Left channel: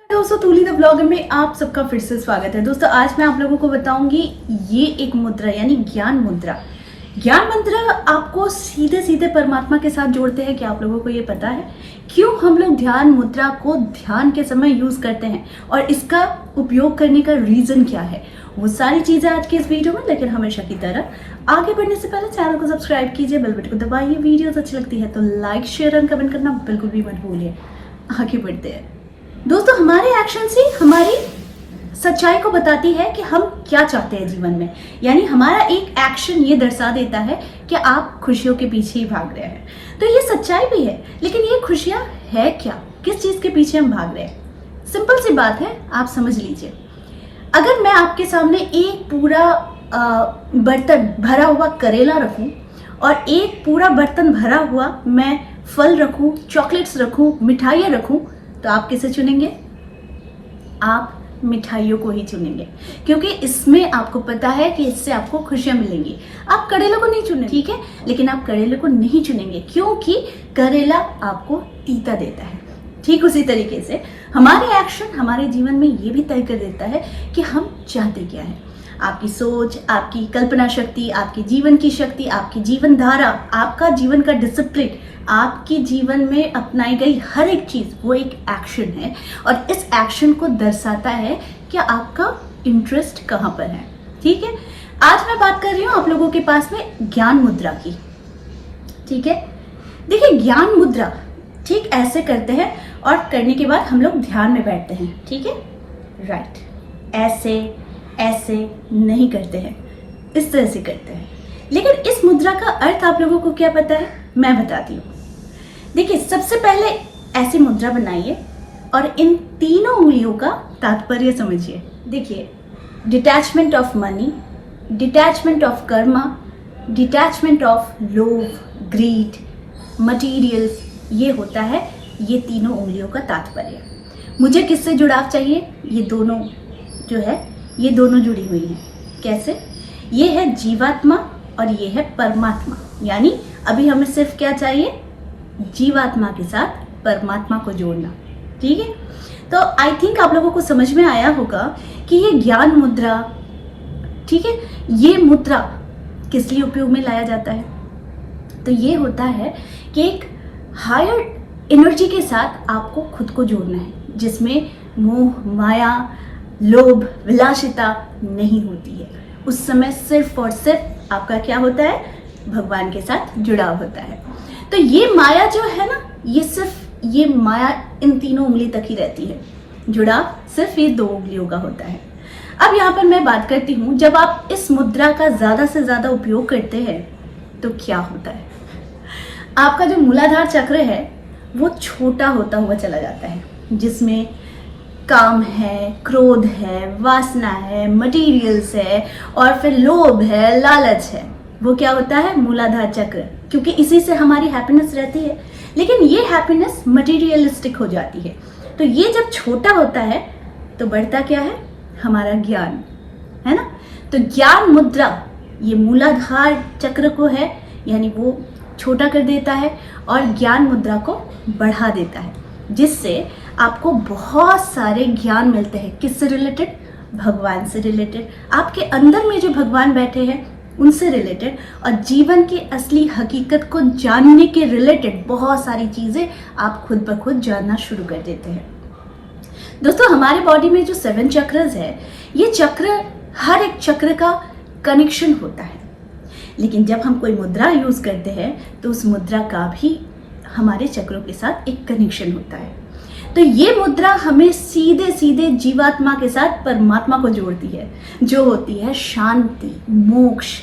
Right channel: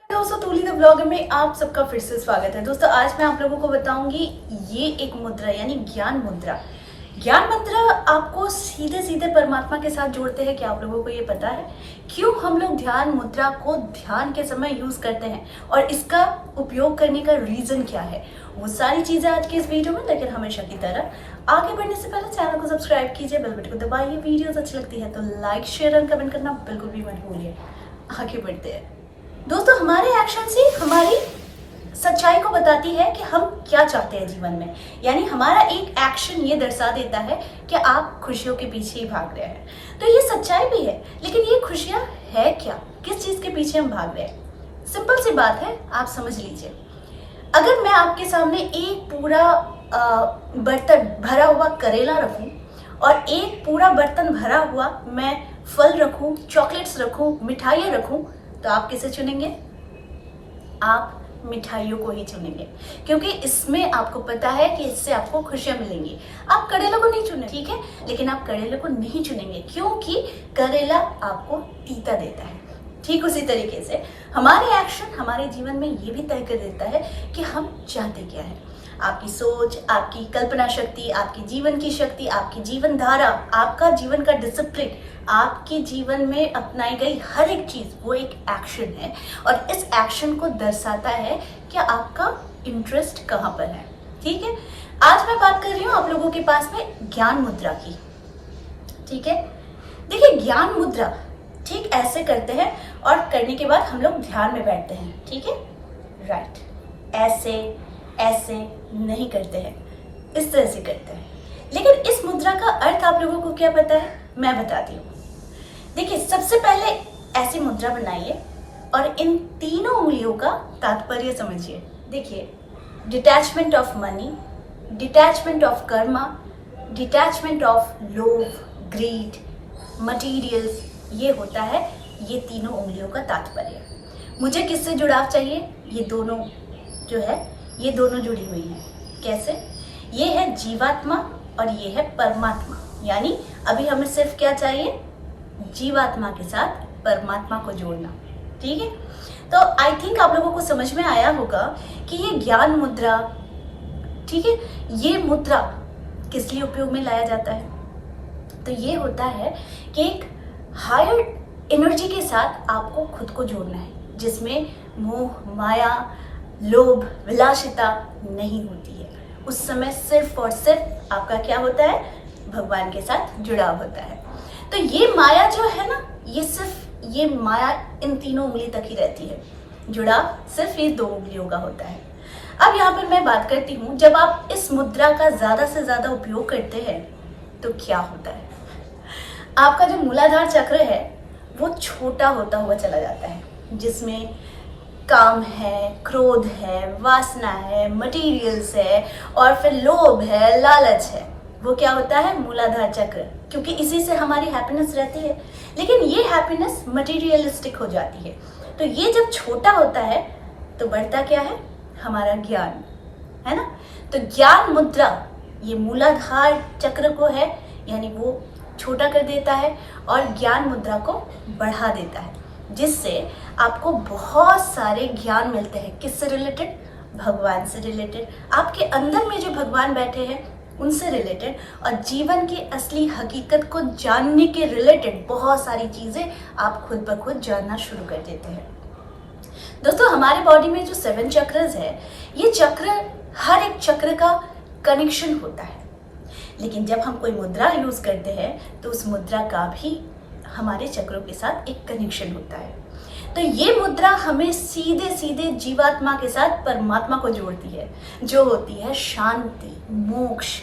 दोस्तों तूली the blog में आप सबका फिर से स्वागत है। दोस्तों आज मैं आप लोगों को बताऊंगी ये एक मुद्रा यानी ज्ञान मुद्रा। ज्ञान मुद्रा आपको सीधे सीधे परमात्मा के साथ जोड़ते हैं। क्या आप लोगों को ये पता है क्यों हम लोग ध्यान मुद्रा को ध्यान के समय यूज करते हैं और इसका उपयोग करने का रीजन क्या है, वो सारी चीजें आज के इस वीडियो में। लेकिन हमेशा की तरह आगे बढ़ने से पहले चैनल को सब्सक्राइब कीजिए, बेल बटन को दबाइए। वीडियोस अच्छी लगती है तो लाइक शेयर और कमेंट करना बिल्कुल भी मत भूलिए। आगे बढ़ते हैं दोस्तों। हमारे एक्शन से हमारी सच्चाई को बताती है कि हम क्या चाहते हैं जीवन में। यानी हमारा एक एक्शन ये दर्शा देता है कि आप खुशियों के पीछे ही भाग रहे हैं। तो ये सच्चाई भी है, लेकिन ये खुशियां है क्या, किस चीज के पीछे हम भाग रहे हैं। सिंपल सी बात है, आप समझ लीजिए। अगर मैं आपके सामने एक पूरा बर्तन भरा हुआ करेला रखूं और एक पूरा बर्तन भरा हुआ मैं फल रखूं, चॉकलेट्स रखूं, मिठाइयां रखूं, तो आप किसे चुनेंगे? आप मिठाइयों को ही चुनेंगे, क्योंकि इसमें आपको पता है कि इससे आपको खुशियां मिलेंगी। आप करेले को नहीं चुनेंगे, ठीक है, लेकिन आप करेले को नहीं चुनेंगे क्योंकि करेला आपको तीता देता है। ठीक उसी तरीके से हमारे एक्शन हमारे जीवन में ये भी तय कर देता है कि हम चाहते क्या है। आपकी सोच, आपकी कल्पना शक्ति, आपकी जीवन की शक्ति, आपकी जीवन धारा, आपका जीवन का डिसिप्लिन, आपके जीवन में अपनाई गई हर एक चीज वो एक एक्शन है और इस एक्शन को दर्शाता है कि आपका इंटरेस्ट कहाँ पर है। ठीक है, आज मैं बात कर रही हूँ आप लोगों के पास में ज्ञान मुद्रा की। ठीक है, देखिए ज्ञान मुद्रा ठीक ऐसे करते हैं और करने के बाद हम लोग ध्यान में बैठते हैं। ठीक है, राइट, ऐसे ऐसे नहीं करते हैं, इस तरह से करते हैं। लेकिन इस मुद्रा का अर्थ आप लोगों को क्या पता है? मैं बताती हूँ। देखिए, सबसे पहले ऐसी मुद्रा बनाइए और इन तीनों उंगलियों का तात्पर्य समझिए। देखिए, detachment of money, detachment of Karma, detachment of लोभ, ग्रीड, मटीरियल्स, ये होता है ये तीनों उंगलियों का तात्पर्य। मुझे किससे जुड़ाव चाहिए? ये दोनों जो है ये दोनों जुड़ी हुई हैं। कैसे? ये है जीवात्मा और ये है परमात्मा। यानी अभी हमें सिर्फ क्या चाहिए? जीवात्मा के साथ परमात्मा को जोड़ना। ठीक है, तो आई थिंक आप लोगों को समझ में आया होगा कि ये ज्ञान मुद्रा, ठीक है, ये मुद्रा किस लिए उपयोग में लाया जाता है। तो ये होता है कि एक हायर एनर्जी के साथ आपको खुद को जोड़ना है, जिसमें मोह, माया, लोभ, विलासिता नहीं होती है। उस समय सिर्फ और सिर्फ आपका क्या होता है? भगवान के साथ जुड़ाव होता है। तो ये माया जो है ना, ये सिर्फ ये माया इन तीनों उंगली तक ही रहती है। जुड़ाव सिर्फ ये दो उंगलियों का होता है। अब यहाँ पर मैं बात करती हूँ, जब आप इस मुद्रा का ज्यादा से ज्यादा उपयोग करते हैं तो क्या होता है? आपका जो मूलाधार चक्र है वो छोटा होता हुआ चला जाता है, जिसमें काम है, क्रोध है, वासना है, मटेरियल्स है और फिर लोभ है, लालच है। वो क्या होता है? मूलाधार चक्र, क्योंकि इसी से हमारी हैप्पीनेस रहती है। लेकिन ये हैप्पीनेस मटेरियलिस्टिक हो जाती है। तो ये जब छोटा होता है तो बढ़ता क्या है? हमारा ज्ञान, है ना। तो ज्ञान मुद्रा ये मूलाधार चक्र को है, यानी वो छोटा कर देता है और ज्ञान मुद्रा को बढ़ा देता है, जिससे आपको बहुत सारे ज्ञान मिलते हैं। किससे रिलेटेड? भगवान से रिलेटेड, आपके अंदर में जो भगवान बैठे हैं उनसे रिलेटेड, और जीवन की असली हकीकत को जानने के रिलेटेड बहुत सारी चीजें आप खुद ब खुद जानना शुरू कर देते हैं। दोस्तों, हमारे बॉडी में जो 7 चक्रस है, ये चक्र, हर एक चक्र का कनेक्शन होता है। लेकिन जब हम कोई मुद्रा यूज करते हैं तो उस मुद्रा का भी हमारे चक्रों के साथ एक कनेक्शन होता है। तो ये मुद्रा हमें सीधे सीधे जीवात्मा के साथ परमात्मा को जोड़ती है, जो होती है शांति, मोक्ष,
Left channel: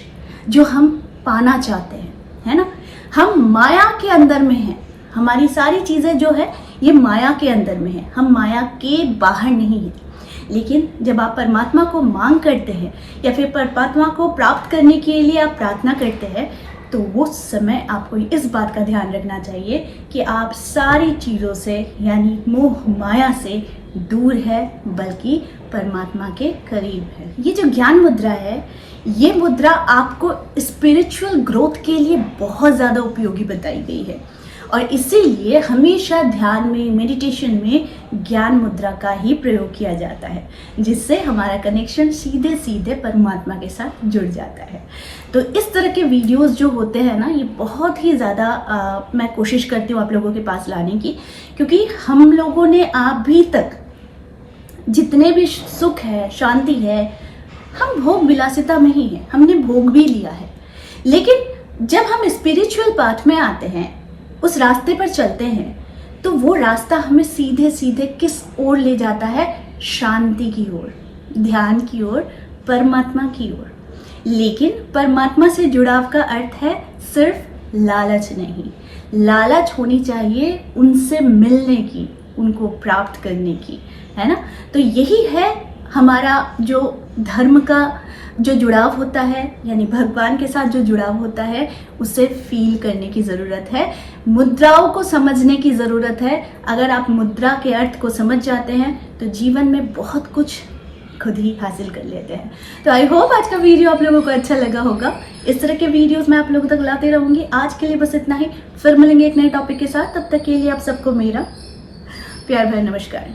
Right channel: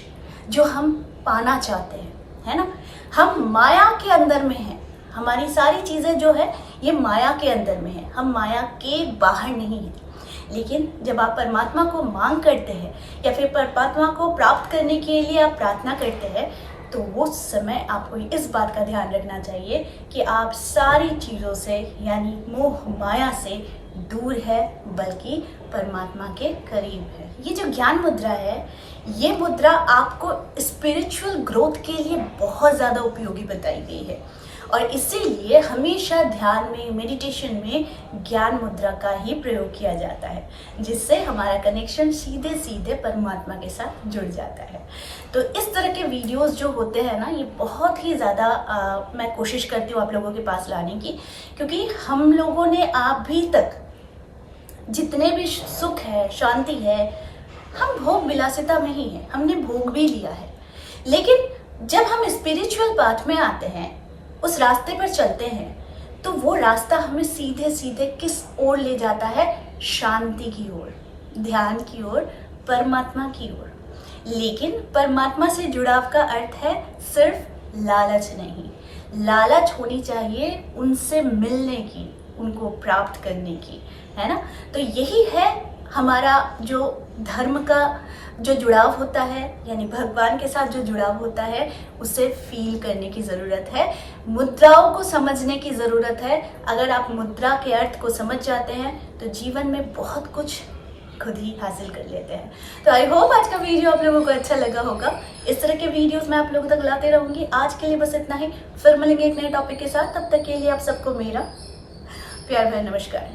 जो हम पाना चाहते हैं, है ना। हम माया के अंदर में हैं, हमारी सारी चीजें जो है ये माया के अंदर में है, हम माया के बाहर नहीं है। लेकिन जब आप परमात्मा को मांग करते हैं या फिर परमात्मा को प्राप्त करने के लिए आप प्रार्थना करते हैं, तो वो समय आपको इस बात का ध्यान रखना चाहिए कि आप सारी चीज़ों से यानी मोह माया से दूर है, बल्कि परमात्मा के करीब है। ये जो ज्ञान मुद्रा है, ये मुद्रा आपको स्पिरिचुअल ग्रोथ के लिए बहुत ज़्यादा उपयोगी बताई गई है। और इसीलिए हमेशा ध्यान में, मेडिटेशन में ज्ञान मुद्रा का ही प्रयोग किया जाता है, जिससे हमारा कनेक्शन सीधे सीधे परमात्मा के साथ जुड़ जाता है। तो इस तरह के वीडियोस जो होते हैं ना, ये बहुत ही ज़्यादा मैं कोशिश करती हूँ आप लोगों के पास लाने की, क्योंकि हम लोगों ने अभी तक जितने भी सुख है, शांति है, हम भोग विलासिता में ही है, हमने भोग भी लिया है। लेकिन जब हम स्पिरिचुअल पाथ में आते हैं, उस रास्ते पर चलते हैं, तो वो रास्ता हमें सीधे सीधे किस ओर ले जाता है? शांति की ओर, ध्यान की ओर, परमात्मा की ओर। लेकिन परमात्मा से जुड़ाव का अर्थ है सिर्फ लालच नहीं, लालच होनी चाहिए उनसे मिलने की, उनको प्राप्त करने की, है ना। तो यही है हमारा जो धर्म का जो जुड़ाव होता है, यानी भगवान के साथ जो जुड़ाव होता है, उसे फील करने की ज़रूरत है, मुद्राओं को समझने की ज़रूरत है। अगर आप मुद्रा के अर्थ को समझ जाते हैं तो जीवन में बहुत कुछ खुद ही हासिल कर लेते हैं। तो आई होप आज का वीडियो आप लोगों को अच्छा लगा होगा। इस तरह के वीडियोस मैं आप लोगों तक लाते रहूंगी। आज के लिए बस इतना ही, फिर मिलेंगे एक नए टॉपिक के साथ। तब तक के लिए आप सबको मेरा प्यार भरा नमस्कार।